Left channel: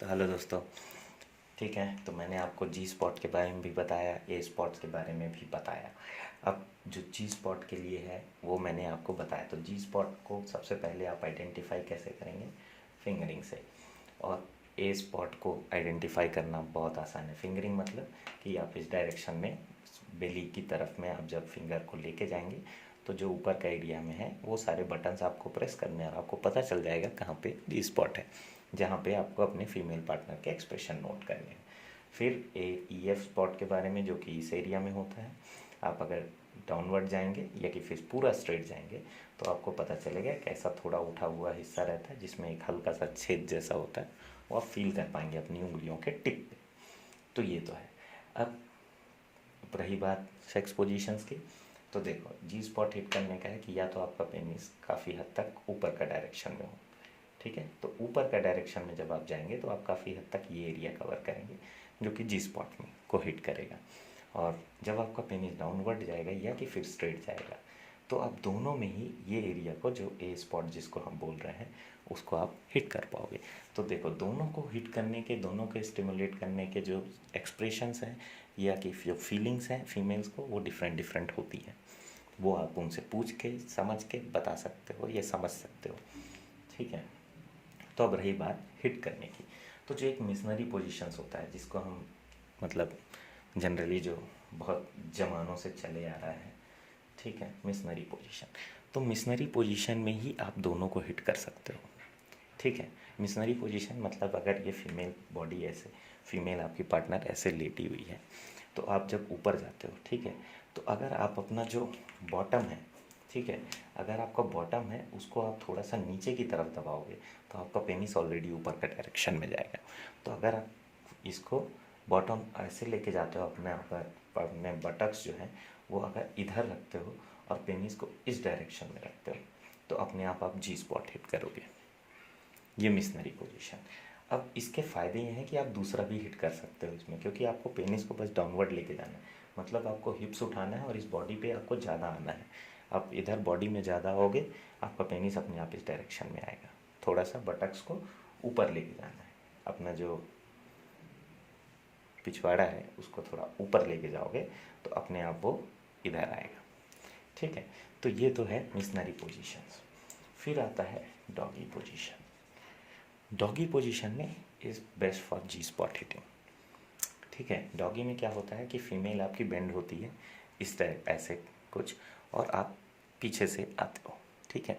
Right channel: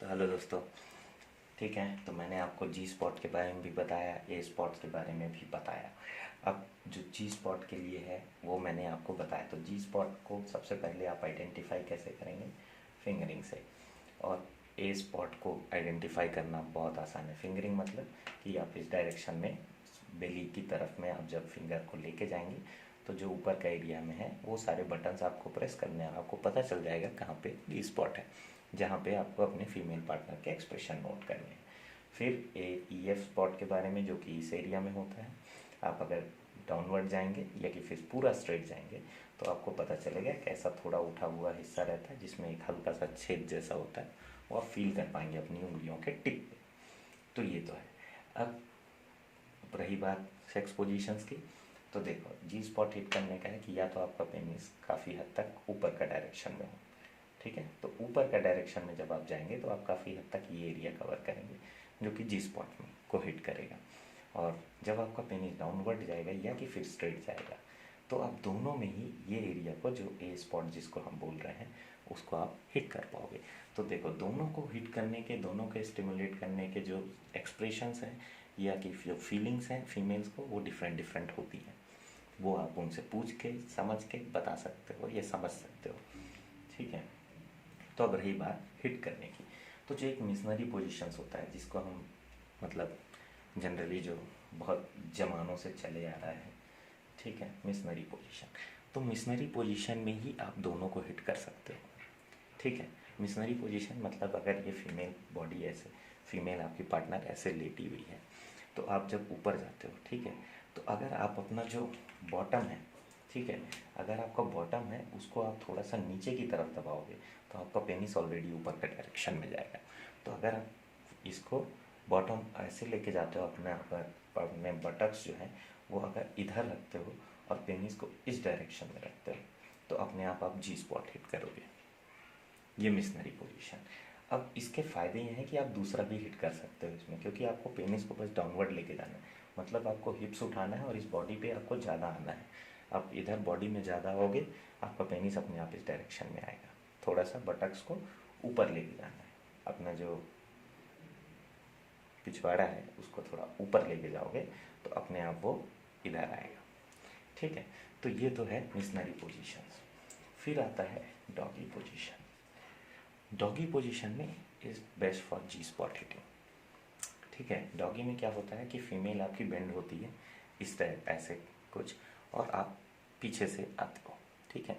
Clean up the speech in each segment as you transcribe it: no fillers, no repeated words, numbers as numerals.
तो हेलो दोस्तों। ठीक है, तो मैंने आपको जी स्पॉट के बारे में भी बताया, ए स्पॉट्स के बारे में भी बताया। अब जो जी स्पॉट के लिए है वो मैंने आपको बताया। तो जी स्पॉट को सबसे पहले आप आइडेंटिफाई कैसे करेंगे? फिंगरिंग से। और ए स्पॉट को आइडेंटिफाई करना बहुत आसान है। फिंगरिंग मतलब कि आप इस डायरेक्शन में बेली की तरफ में आप जब फिंगर को लेके जाएंगे तो जो ऊपर का एरिया में है वो सारे बटन्स आपको प्रेस करने हैं और आपको पता चल जाएगा कहाँ पे जी स्पॉट है, जहाँ पे आपको अपने फीमेल पार्टनर के एक्सप्रेशन नोट करने हैं। फिर ए ई एफ स्पॉट के बारे में, जो कि इस एरिया में होता है। आप अगर डाउनवर्ड जाएंगे या कि फिर पूरा स्ट्रेट जाएंगे तो आपको पता चलेगा कैसा थोड़ा उठा हुआ हिस्सा रहता है जिसमें एक हल्का सा छेद जैसा होता है, वो आप फील कर पाएंगे अपनी उंगलियों के टिप पे। तो ये तो है। अब रही बात सेक्स पोजीशंस की, तो देखो जी स्पॉट हिट करने का है कि या तो आपका पेनिस काफ़ी हद तक ऊपर का डायरेक्शन में हो। ठीक है, तो ऊपर का डायरेक्शन में जब आप जाएंगे तो आप काफ़ी हद तक ये एरिया कवर करेंगे जो कि जी स्पॉट में को हिट करेगा। और जब आपका पेनिस डाउनवर्ड जाएगा या कि फिर स्ट्रेट जाएगा तो आप दोनों में ही ये एरिया को, जो ए स्पॉट जिसको हम बोल रहे हैं, उसको आप हिट कर पाओगे। तो देखो, दोनों को हिट करने के, दोनों के स्टिमुलेट करने के जो एक्सप्रेशंस हैं या कि जो फीलिंग्स हैं फीमेल्स को, वो डिफरेंट डिफरेंट होती हैं। वो आप उनसे पूछ के समझ के बता सकते हो या समझ सकते हो। ठीक है, तो अब रही बात हिट करने की। तो जो एक मिशनरी पोजीशंस होता है जिसको हम मतलब जनरली जो बहुत ज़मानों से चले आ रहा है, ठीक है, मिशनरी पोजीशन। तो मिशनरी पोजीशन में ही आप दोनों को हिट कर सकते हो। ठीक है, मिशनरी पोजीशन मतलब अगर ये फीमेल बॉडी ऐसे, फीमेल आपकी पार्टनर ऐसे लेटी हुई है तो आप जब ऊपर जाते हो, ठीक है, तो अगर आप अपना जो बॉटम है, ठीक है, अगर आपका बॉटम है उसको आप थोड़ा सा नीचे की तरफ दबाओगे तो आपका पेनिस ऑलरेडी ऊपर का डायरेक्शन में जाएगा। तो अगर आप इसको बॉटम ऐसे लेके जाते हो, अपने बटक्स जो हैं वो अगर इधर रखते हो और पेनिस को इस डायरेक्शन में रखते हो तो अपने आप जी स्पॉट हिट करोगे। ये मिशनरी पोजीशन। अब इसके फ़ायदे ये हैं कि आप दूसरा भी हिट कर सकते हो इसमें, क्योंकि आपको पेनिस को बस डाउनवर्ड लेके जाना है। मतलब आपको हिप्स उठाना है और इस बॉडी पे आपको ज़्यादा आना है। आप इधर बॉडी में ज़्यादा आओगे, आपका पेनिस अपने आप इस डायरेक्शन में आएगा। थोड़ा सा बटक्स को ऊपर लेके जाना है, अपना जो पिछवाड़ा है उसको थोड़ा ऊपर लेके जाओगे तो अपने आप वो इधर आएगा। ठीक है, तो ये तो है मिशनरी पोजीशंस। फिर आता है डॉगी पोजीशन। डॉगी पोजीशन में is best for G spot hitting. ठीक है, डॉगी में क्या होता है कि फीमेल आपकी बेंड होती है इस तरह ऐसे कुछ, और आप पीछे से आते हो। ठीक है,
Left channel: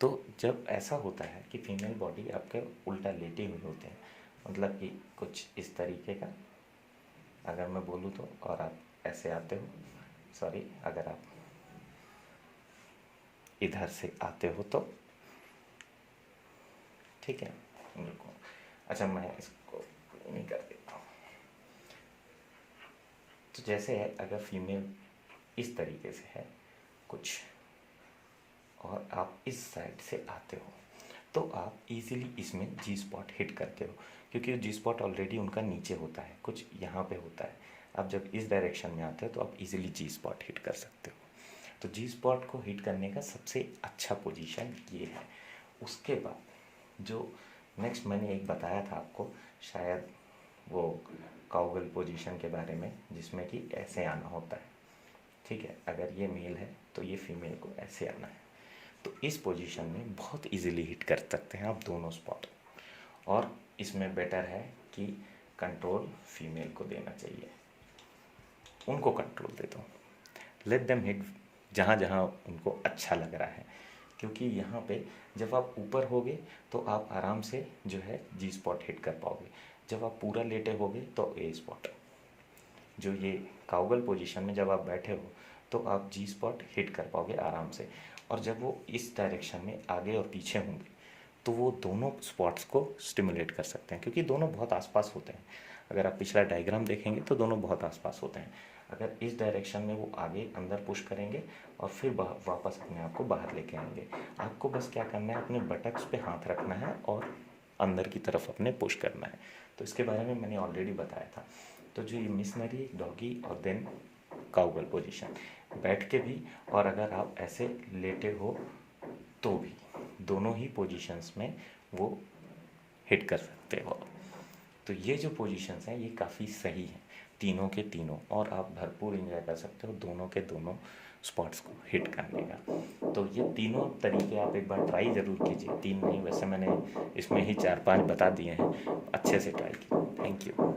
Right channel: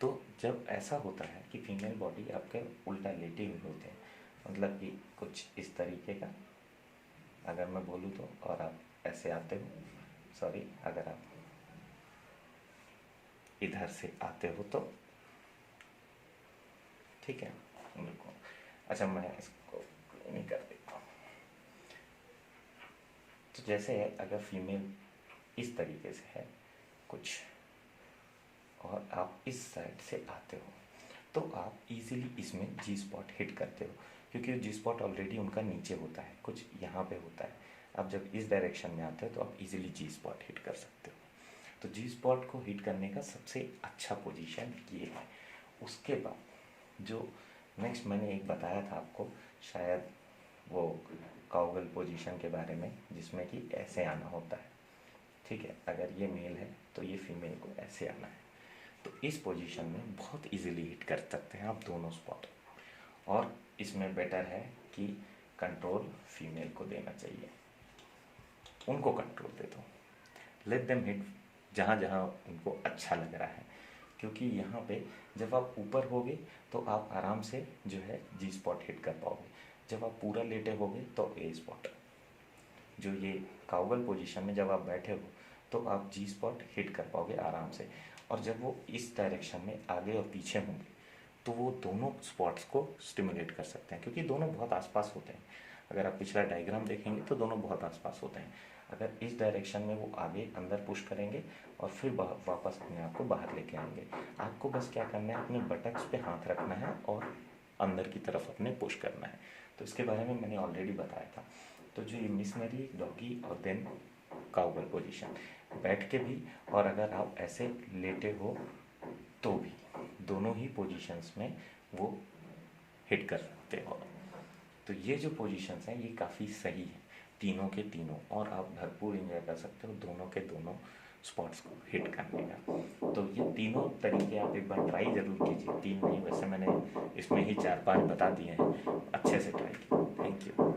तो जब ऐसा होता है कि फीमेल बॉडी आपके उल्टा लेटे हुए होते हैं, मतलब कि कुछ इस तरीके का अगर मैं बोलूँ तो, और आप ऐसे आते हो, सॉरी, अगर आप इधर से आते हो तो, ठीक है, बिल्कुल। अच्छा, मैं इसको नहीं कर देता हूँ। तो जैसे है, अगर फीमेल इस तरीके से है कुछ और आप इस साइड से आते हो तो आप इजीली इसमें जी स्पॉट हिट करते हो, क्योंकि जी स्पॉट ऑलरेडी उनका नीचे होता है, कुछ यहाँ पे होता है। आप जब इस डायरेक्शन में आते हो तो आप इजीली जी स्पॉट हिट कर सकते हो। तो जी स्पॉट को हिट करने का सबसे अच्छा पोजीशन ये है। उसके बाद जो नेक्स्ट मैंने एक बताया था आपको, शायद वो काउगल पोजीशन के बारे में, जिसमें कि ऐसे आना होता है। ठीक है, अगर ये मेल है तो ये फीमेल को ऐसे आना है। तो इस पोजीशन में बहुत इजीली हिट कर सकते हैं आप दोनों स्पॉट। और इसमें बेटर है कि कंट्रोल फीमेल को देना चाहिए, उनको कंट्रोल दे दो, लेट देम हिट जहाँ जहाँ उनको अच्छा लग रहा है। क्योंकि यहाँ पे जब आप ऊपर होगे तो आप आराम से जो है जी स्पॉट हिट कर पाओगे। जब आप पूरा लेटे होगे तो ए स्पॉट, जो ये काउगल पोजीशन में जब आप बैठे हो तो आप जी स्पॉट हिट कर पाओगे आराम से। और जब वो इस डायरेक्शन में आगे और पीछे होंगे तो वो दोनों स्पॉट्स को स्टिमुलेट कर सकते हैं, क्योंकि दोनों बहुत आसपास होते हैं। अगर आप पिछला डायग्राम देखेंगे तो दोनों बहुत आसपास होते हैं। अगर इस डायरेक्शन में वो आगे अंदर पुश करेंगे और फिर वापस अपने आप को बाहर लेके आएंगे। आपको बस क्या करना है, अपने बटक्स पे हाथ रखना है और अंदर की तरफ अपने पुश करना है। तो इसके बारे में मैंने ऑलरेडी बताया था। तो जो ये मिशनरी, डॉगी और देन काउगल पोजीशन, बैठ के भी और अगर आप ऐसे लेटे हो तो भी, दोनों ही पोजीशंस में वो हिट कर सकते हो। तो ये जो पोजीशंस हैं ये काफ़ी सही हैं तीनों के तीनों, और आप भरपूर इंजॉय कर सकते हो दोनों के दोनों स्पॉट्स को हिट करने का। तो ये तीनों तरीके आप एक बार ट्राई ज़रूर कीजिए, 3 नहीं वैसे मैंने इसमें ही 4-5 बता दिए हैं, अच्छे से ट्राई कीजिए। Thank you.